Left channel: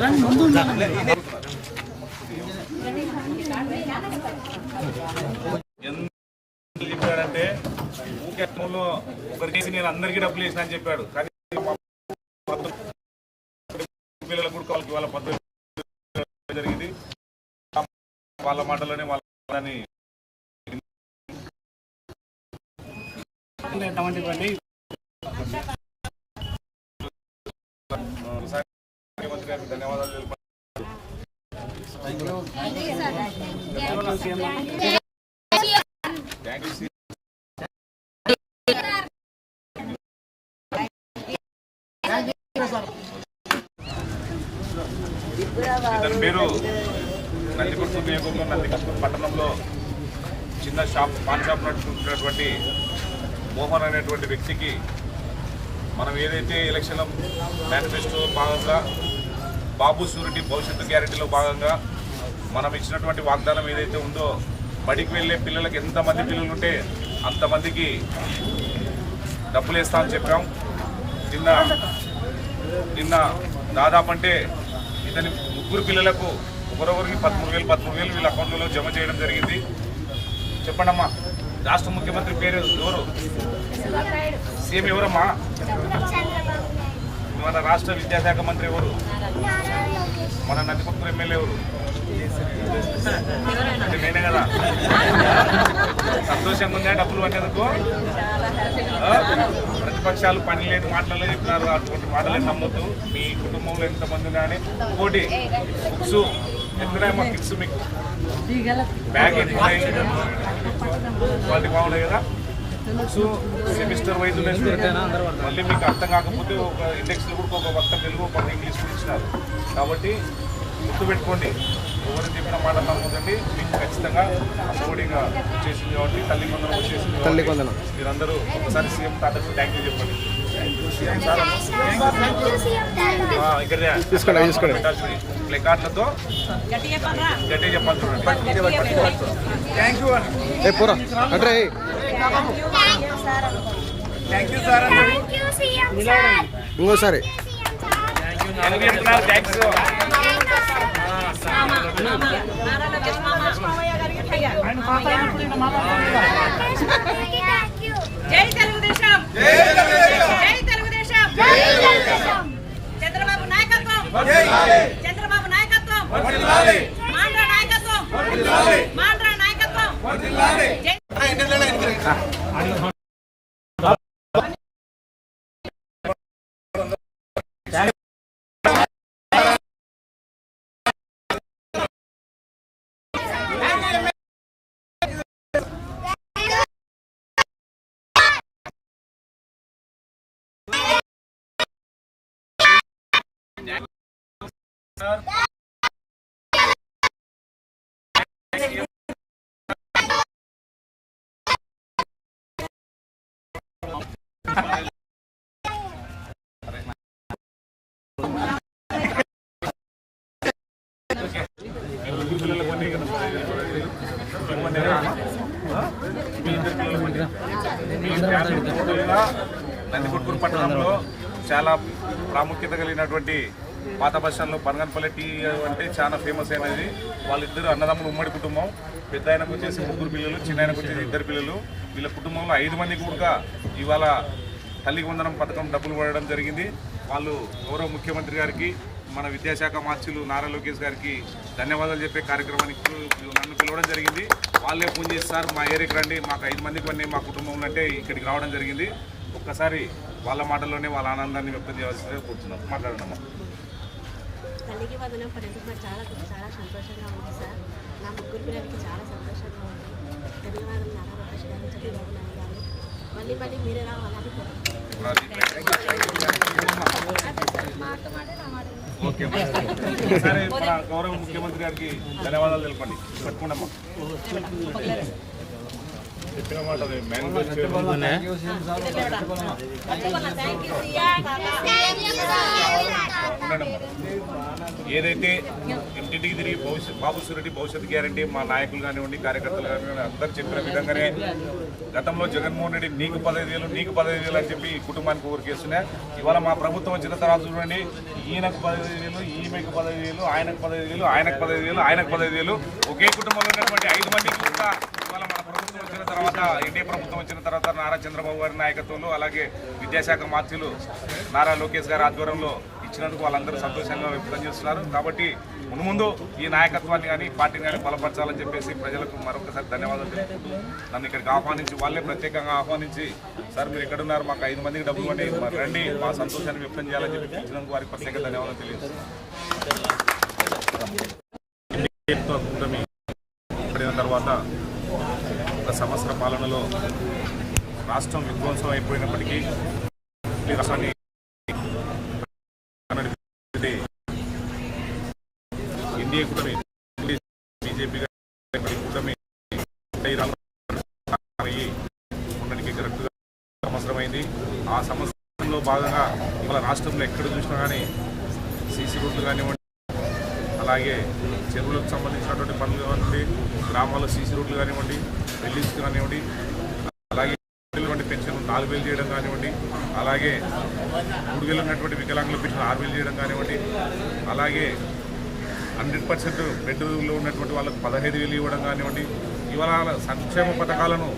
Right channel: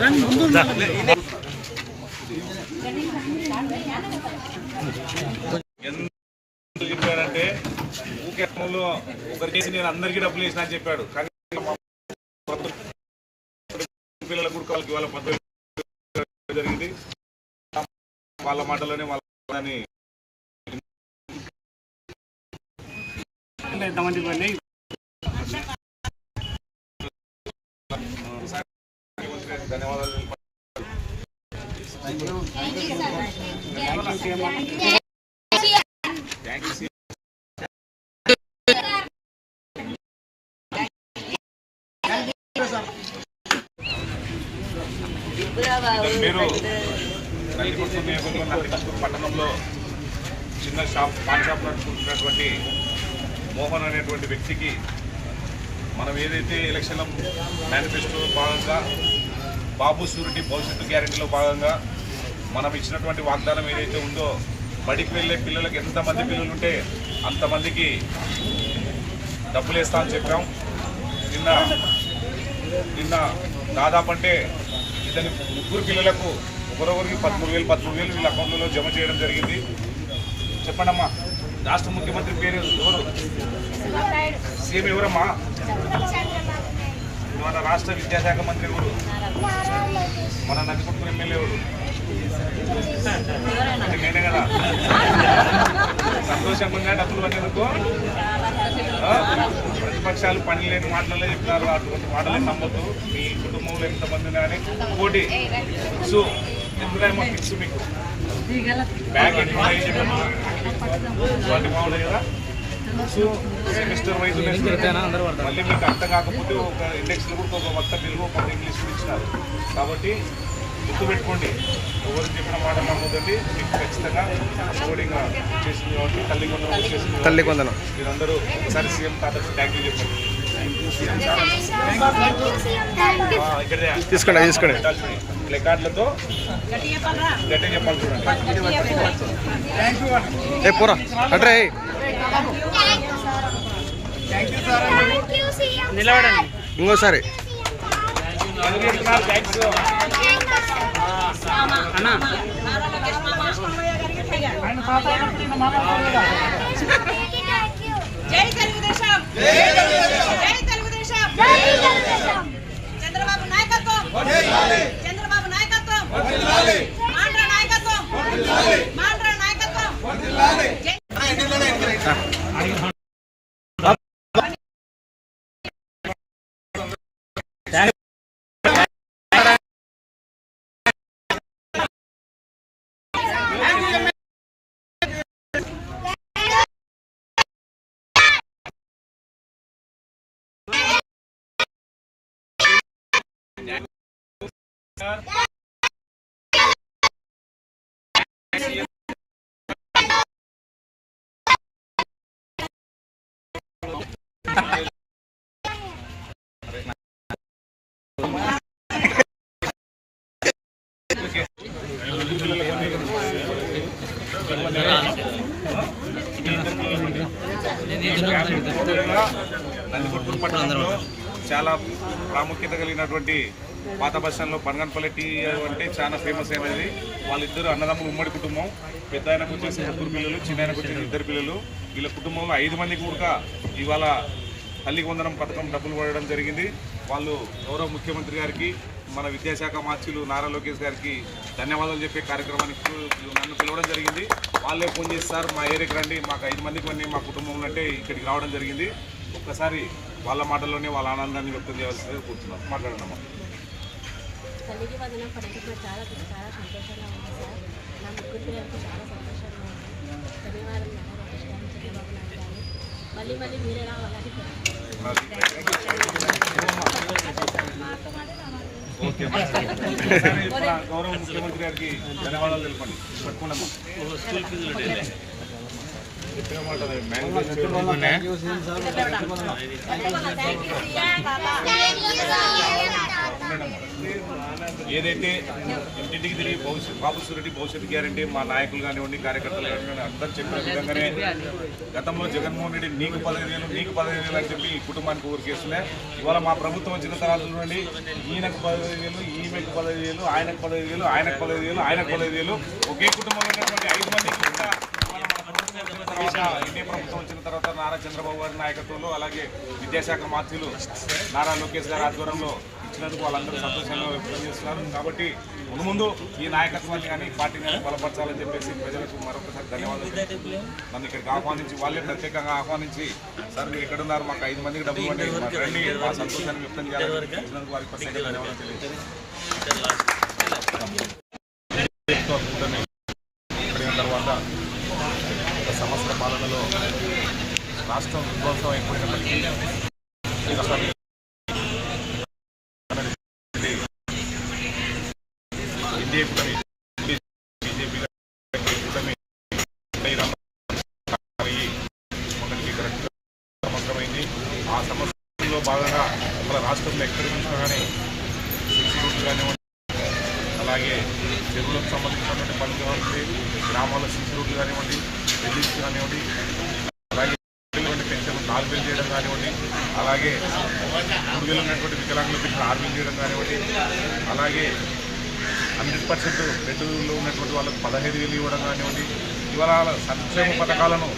ఎందుకు చెప్పాడంటే ఊకే ఫోన్లో ఒకరికి నేను అందరికీ డబ్బులు వేసిన అని చెప్పాడు కానీ పిల్లలకు వాళ్ళ పద్ధతి జరిగింది వాళ్ళ మాటలోనే వాళ్ళని ఎంతమంది ఇవ్వండి గారికి ధన్యవాదాలు తెలిపాలి. థ్యాంక్ యూ నియోజకవర్గం పట్టణంలో చిన్న షాప్ పాన్ షాప్ నడుచుకుంటున్నటువంటి మోహన్ అనేటువంటి వ్యక్తికి మనం ఏదైతే ఎలక్షన్ మేనిఫెస్టో భాగంగా బాబు సూరిటీ భవిష్యత్తు గ్యారెంటీలో భాగంగా మనం ఇచ్చినటువంటి వాగ్దానం ఏదైతే ఉందో బడికి వెళ్ళే పిల్లలకు ఎంతమంది పిల్లలు ఉంటే అంతమందికి డబ్బులు వేస్తామని చెప్పాం. నిన్న నిన్న దాదాపు అంటే ఇతని ముగ్గురు పిల్లలకు ఒకరొకరికి పదమూడు వేలు పదమూడు వేలు వీళ్ళ అకౌంట్లలో జమ చేయడం జరిగింది. చెప్పండమ్మా రాష్ట్ర ముఖ్యమంత్రి పేరు ఎవరు? సీఎం ఎవరమ్మా? మన రాష్ట్ర విద్యాశాఖ మంత్రి ఎవరు? మన నందికొట్టు ఎమ్మెల్యే ఎవరు? అంటే నేనే కదా. సంతోషంగా ఉందా? డబ్బులు అనేందుకు? ప్రతిపక్షాలు పని లేని మాటలే చెప్పినారు. అటువంటి మాటలే నమ్మొద్దు. మీ కుటుంబంలో ఎంతమంది కానీ ఇంకోటి బుక్స్ ఎందుకనేమో టిప్స్ మీకు? బ్యాగ్ ఎక్కువ క్వాలిటీ బాగుంటాయి కదా? Books semester wise. మళ్ళీ మీకు అర్థం కాకపోతే ఒక ఇండెక్స్లో కూడా ఒక మొత్తం తెలుగు కొంత ఇంగ్లీష్ ఇచ్చినారు. కాబట్టి గుర్తుపెట్టుకోండి ఎవరు చెప్పిన మాట నమ్మదండి మీకు ఖచ్చితంగా అఫోర్డింగ్ చేసింది కాబట్టి తల్లి కొందరం వచ్చేసింది తల్లి కొందనం. మీరందరూ ఒకసారి సీఎం తాతకు థ్యాంక్ యూ చెప్పండి. తీసుకోండి, తీసుకోండి. ప్లెకార్డులతో గట్టిగా చెప్పాలి చూడండి. ఏ పోరా. అట్రే నిలబడండి. ఇంకోసారి. జై తెలుగుదేశం. జై తెలుగుదేశం. చంద్రబాబు నాయకత్వం. చంద్రబాబు నాయకత్వం. Sir. నందికొట్కూరు పట్టణంలో చాలా ప్రాముఖ్యత కలిగినటువంటి పాత బస్ స్టాండ్లో పనగన్పల్లి టీ అంటే చాలా ఫేమస్ అయినది. వాళ్ళిద్దరు అన్నదమ్ములు ఉమ్మడి కుటుంబం. పెద్ద ఆయనకు వచ్చేసి ముగ్గురు పిల్లలు చిన్న ఆయనకు వచ్చేసి ఇద్దరు పిల్లలు. వీళ్ళ కుటుంబంలో ఐదు మంది కూడా ఇవాళ తల్లికి వందనం పథకం డబ్బులు పడడం జరిగింది. వాళ్ళు గౌరవ ముఖ్యమంత్రి గారికి మన విద్యాశాఖ మార్చులు నారా లోకేష్ గారికి ధన్యవాదాలు చెప్పే కార్యక్రమానికి నన్ను పిలవడం జరిగింది. వాళ్ళే ఫోన్ చేస్తారు మా ఏరియాకి రండి. మాకు ఐదు మందికి మంది మా కుటుంబం అంటే ఇక్కడికి రావడం జరిగింది. ఒక్కసారి వాళ్ళ మాటల్లోనే వాళ్ళ ఆనందాన్ని వ్యక్తం చేయాల్సిందిగా కోరుతున్నాం మాట్లాడమ్మా తల్లికి వదనం పడినప్పుడు చాలా చాలా సంతోషంగా ఉంది సార్. నా ముగ్గురు పిల్లలకి చాలా సంతోషంగా ఉంది. ధన్యవాదాలు నాన్న లోకేష్ గారు చంద్రబాబు నాయుడు గారు మళ్ళీ మళ్ళీ మీరే రావాలని గౌరవ ముఖ్యమంత్రి గారికి ధన్యవాదాలు. తెలపండి పట్టుకోండమ్మా ఉండనమ్మా. ఏదైతే ఇంటింటికి తిరిగి భవిష్యత్ బాబు సూరెడ్డి భవిష్యత్ గ్యారంటీ మా నాయకులు కానివ్వండి కార్యకర్తలు కానివ్వండి అందరూ చెప్పిన విధంగానే గతంలో జగన్మోహన్ రెడ్డి నీకు పదహైదు వేలు నీకు పదహైదు వేలు అని చెప్పి కుటుంబానికి ఊరికేస్తున్నా ఇవాళ మా ప్రభుత్వం వచ్చిన తర్వాత చూడండి ఈయనకు పదహైదు వేలు ఈమెకు పదహైదు వేలు ఆయనకు పదహైదు వేలు ఆయనకు పదహైదు వేలు ఆయనకు పదహైదు వేలు. ఒకే కుటుంబంలో ఉన్నటువంటి ఐదు మందికి కూడా ఇవాళ మన ప్రభుత్వం వచ్చిన తర్వాత ఎన్డీఏ ప్రభుత్వం వచ్చిన తర్వాత నారా చంద్రబాబు గారి నాయకత్వంలో అలాగే విద్యాశాఖ మంత్రులు నారా లోకేష్ గారి ఆధ్వర్యంలో ఇచ్చినందుకు వాళ్ళందరూ సంతోషంగా వ్యక్తం చేస్తున్నారు. కాబట్టి ముందు ముందు ఈ నాయకత్వాన్ని కానీ పార్టీని కానీ బలపరచాలని చెప్పేసి ప్రజలకు మరొకసారి ధన్యవాదాలు తెలుపుతున్నాను. నన్ను ఇక్కడికి ఆహ్వానించి వాళ్ళే ప్రత్యేకంగా ఆహ్వానించి సార్ మీరు ఎక్కడున్నారు? మాకు ఐదు మందికి డబ్బులు అని రండి మా సంతోషాన్ని వ్యక్తం చేయాలని ఇచ్చినందుకు వారికి ప్రత్యేక ధన్యవాదాలు తెలియజేస్తున్నాను. తర్వాత ఒక సంవత్సర పాలనలో రాష్ట్రం విధ్వంసం అయిపోయినప్పటికీ బీజేపీ రాష్ట్రాన్ని బీజేపీ కూటమి మొన్నటికి కరెక్ట్గా సంవత్సరమైంది ఆ సంవత్సరంలో భాగంగా మన రాష్ట్రంలో ఎక్కడ చూసినా కానీ సిసి రోడ్లు కానివ్వండి అలాగే చెరువులకు సంబంధించినటువంటి పనులు కానివ్వండి గ్రామాల సీసీ రోడ్లు కానివ్వండి రిలీజ్ కానివ్వండి అలాగే వికలాంగుల పెన్షన్ నాలుగు వేలు చేయడం కానివ్వండి అలాగే మూడు వేలు ఉన్నటువంటి వికలాంగుల పెన్షన్ ఆరు వేలు చేయడం కానివ్వండి అలాగే హండ్రెడ్ పర్సెంట్ బెడ్లో ఉన్నటువంటి వాళ్ళకు పదహైదు వేలు ఇవ్వడం కానివ్వండి ఇవాళ సంక్షేమ పథకాలను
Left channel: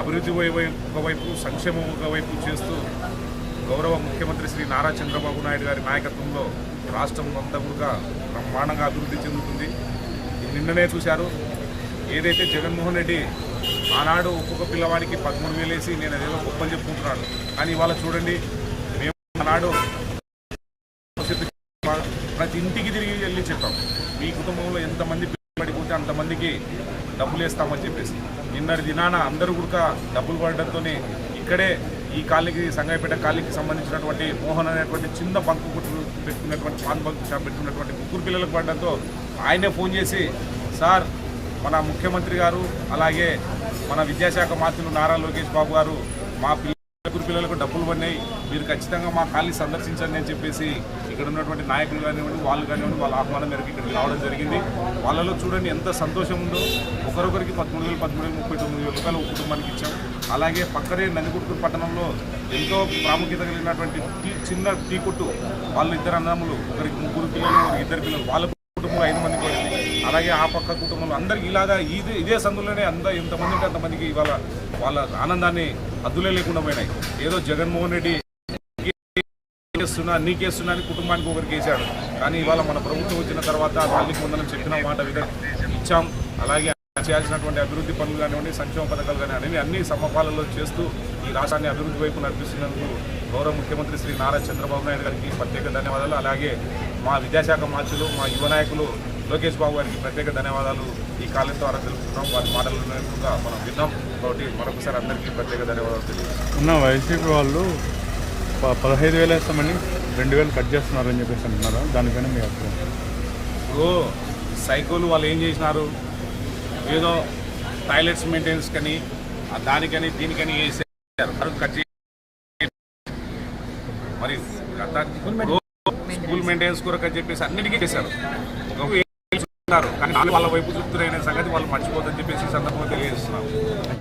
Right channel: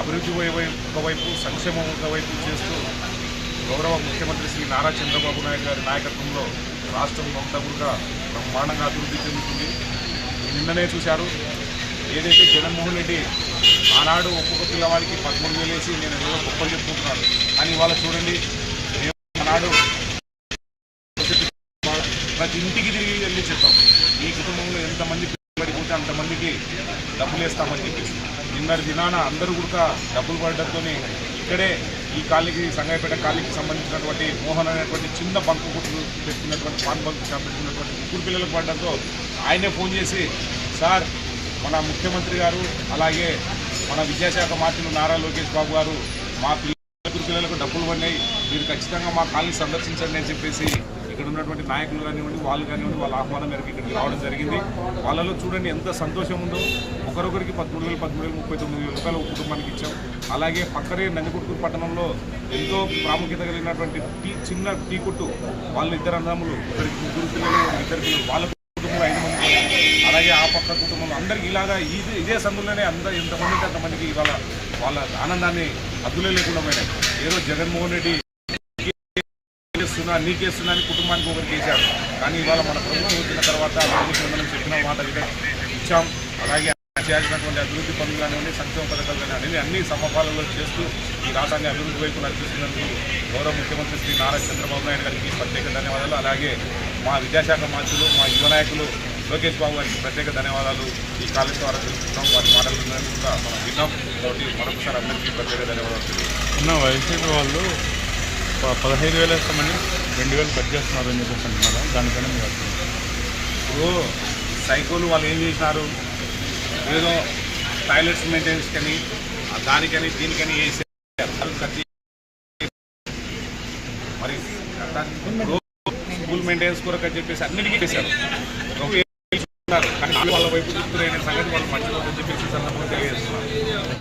అభివృద్ధి ఒకవైపు సంక్షేమం ఒకవైపు చేస్తూ గౌరవ ముఖ్యమంత్రి శ్రీ నారా చంద్రబాబు నాయుడు గారి నాయకత్వంలో రాష్ట్రం అంతా కూడా బ్రహ్మాండంగా అభివృద్ధి చెందుతుంది. నిన్ననే చూశారు ఏదైతే జగన్మోహన్ రెడ్డి ఆనాడు ఒక్కొక్క పిల్లవాడికి పదమూడు వేలు వేసి నేను ఏదో గొప్పలు చెప్పుకుంటున్నాడు కానీ ఇవాళ చూడండి మేము ఆనాడు ప్రతి ఇంటికి తిరిగి వెళ్ళి చెప్పాం. మీ కుటుంబంలో ఎంతమంది పిల్లలు పడిపోతే అంతమందికి డబ్బులు వేస్తామని చెప్పేసి. నిన్నటి దినాన అందరూ కూడా డబ్బులు పడడంతో ఇక్కడే ఈ కాలనీకి సంగాయపేట కాలనీకి సంబంధించినటువంటి మోహన్ అనేటువంటి చిన్న బంకు కుట్టు పెట్టుకున్నటువంటి పాన్ బంకు షాప్ పెట్టుకున్నటువంటి ముగ్గురు పిల్లలకు పడడంతో ఆయనే ఫోన్ చేసి సార్ మన ముఖ్యమంత్రి గారు అలాగే మన విద్యాశాఖ మంత్రులు నారా లోకేష్ బాబు గారు మా పిల్లలు పిల్లలకు డబ్బులు పడినాయి. మీరు ఖచ్చితంగా మా కాలనీ సందర్శించండి అని చెప్పేసి ఇక్కడ ఉన్నటువంటి నాయకులు కానివ్వండి వాళ్ళు కానివ్వండి వాళ్ళ ఆహ్వానం మేరకు ఇక్కడికి రావడం జరిగింది. వాళ్ళలో చూడండి ఎంత సంతోషం ఉందో. ఒకరొకరికి పదమూడు వేలు పదమూడు వేలు ముప్పై తొమ్మిది వేల రూపాయలు కుటుంబానికి ఇచ్చాం. అలాగే పక్కనే నందికొట్కూరు పట్టణంలో ఎంతో ప్రాముఖ్యత కలిగినటువంటి టీ చిన్న టీ కొట్టు వాళ్ళు ఇద్దరు అన్నములు ఒకరికి ముగ్గురు పిల్లలు ఒకరికి ఇద్దరు పిల్లలు వాళ్ళ కుటుంబం ఐదు మంది అలాగే ఆ పక్క కుటుంబంలో అందరికి ఇలాగా ఇది ఇదే సందులోనే అంద ఎంతమంది అంతమందికి ఇవాళ వాళ్ళ ఆనందాన్ని అద్దులే లేకుండా పోయినాయి. ఏదో జగన్మోహన్ రెడ్డి నీకేస్తున్నా నీకేస్తున్నా అని కుటుంబానికి ఒకరికి వేశాడు కానీ ఇవాళ మన ప్రభుత్వం వచ్చిన తర్వాత తల్లికి వందనం చెప్పిన మాట ఇచ్చాం. అలాగే చేయాల్సినటువంటి అభివృద్ధి పనులు కానివ్వండి సంక్షేమ పథకాలు కానివ్వండి అన్ని సమపాలలో చేస్తూ ఈ రాష్ట్రాన్ని అభివృద్ధి వైపు నడిపిస్తున్నందుకు గౌరవ ముఖ్యమంత్రి శ్రీ నారా చంద్రబాబు నాయుడు గారికి ప్రత్యేక ధన్యవాదాలు. అలాగే మా విద్యాశాఖ మంత్రులు మా యువ నాయకులు లోకేష్ బాబు గారికి ప్రత్యేక ధన్యవాదాలు. ఈ కాలేజ్ ద్వారా తెలుపుతున్నాం. వారి మాటలు కూడా మనం విన్నాం. కాబట్టి మరొకసారి అందరికీ ప్రత్యేక ధన్యవాదాలు తెలియదు ఉన్న వైసీపీ వాళ్ళు పదహైదు వేలు వేస్తామని రెండు వేలు కట్ చేస్తున్నారు అని చెప్పేసి అంటున్నారా. దానిపైన మీ అభిప్రాయం? ఇప్పుడు సైకోలు వాళ్ళు ఏం చేసినారు? ఏదో టాయిలెట్స్ మెయింటెనెన్స్ కానీ దానికని దీనికని అది కట్ మరి స్కూల్ మెయింటెనెన్స్ కొరకు అని చెప్పేసి అన్నిటికీ ఇస్తున్నారు. కానీ వాళ్ళ వైపు చూస్తున్న సంగతి వాళ్ళు మర్చిపోతుందని చెప్పేసి సందర్భంగా తెలియజేస్తున్నారు.